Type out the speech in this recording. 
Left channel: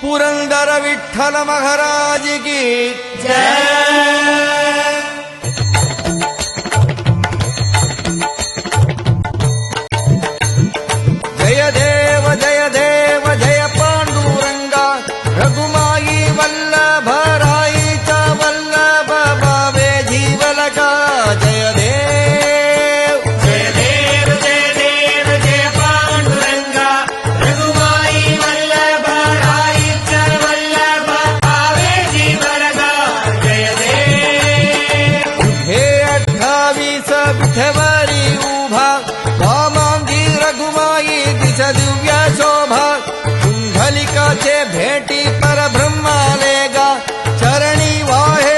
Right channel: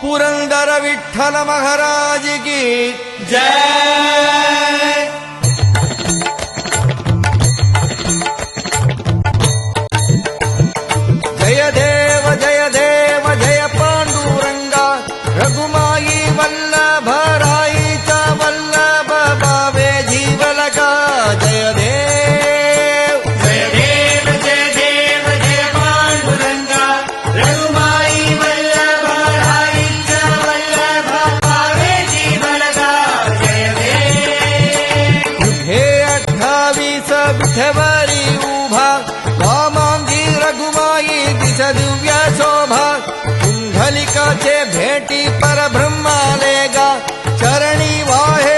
पुरंदर विठ्ठल महाराज की जय देव जय देव जय पांडुरंगा रघुमाई वल्लभ राईचा वल्लभ बावे जीवलका जय देव जय देव जय देव जय पांडुरंगा रघुमाई वल्लभ राईचा वल्लभ भावे जीवलका जय देव हे 28 विठवरी उभा वामांगी रघुमाई दिस दिव्य शोभा कुंडलिकाचे भेटी परब्रह्मालेगा चरणी वाहे